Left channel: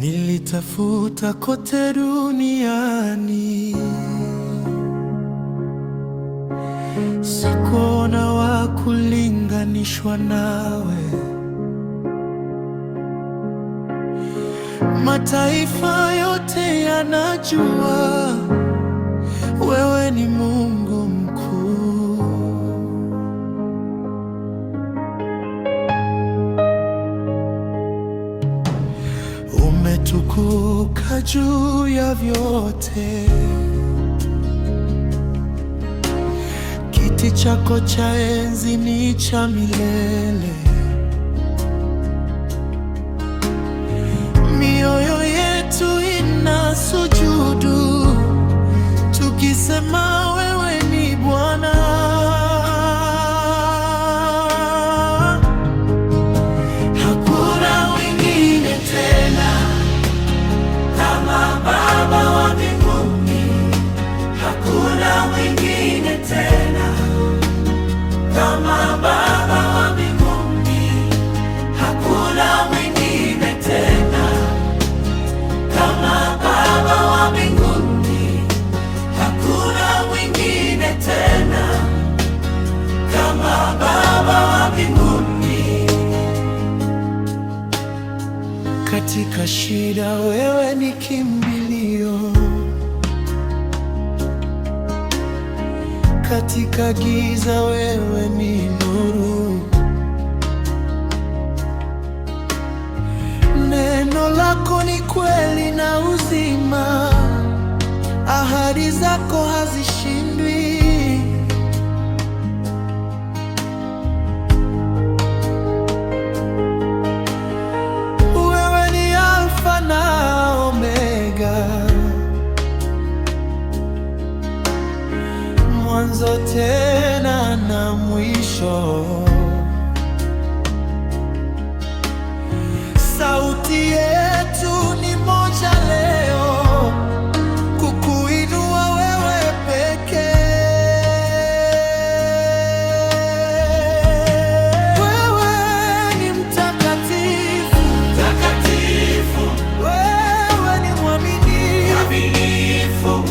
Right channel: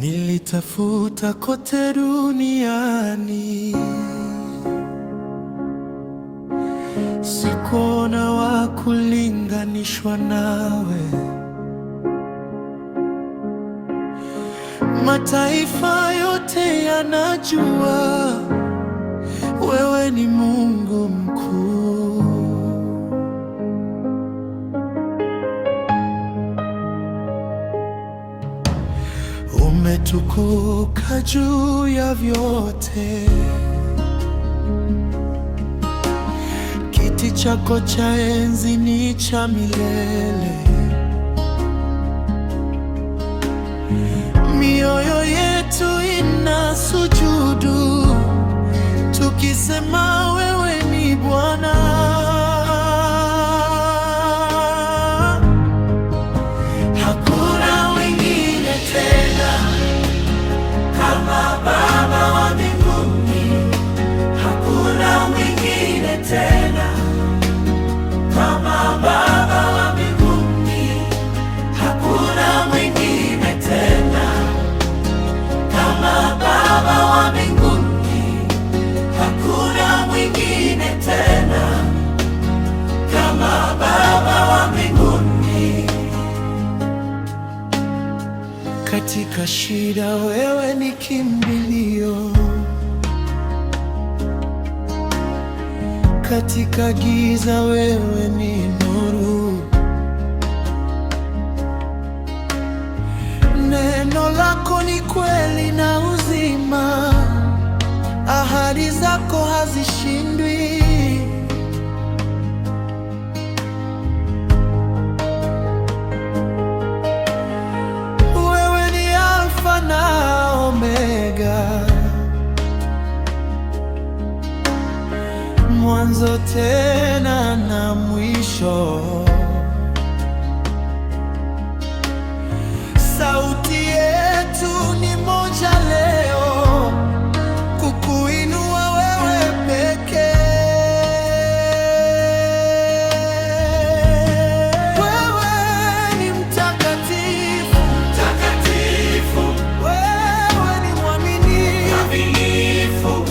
Nilitafuta kote duniani, sikuona wa kulinganishwa nawe. Mataifa yote yanajua wewe ni Mungu mkuu. Umetukuka juu ya vyote, kiti chako cha enzi ni cha milele. Mioyo yetu inasujudu tukisema wewe ni Bwana. Hakuna wengine tena kama Baba wa mbinguni, hakuna mwingine tena kama Baba wa mbinguni, hakuna mwingine tena kama Baba wa mbinguni, hakuna mwingine tena kama Baba wa mbinguni. Katika shida wewe ni kimbilio, katika giza wewe ni nuru. Neno lako ni kweli na uzima, ahadi zako hazishindwi. Wewe ni Alfa na Omega, mwanzo tena na mwisho. Sauti yetu ni moja leo, kukuinua wewe pekee. Wewe ni mtakatifu, mtakatifu. Wewe ni mwaminifu, mwaminifu.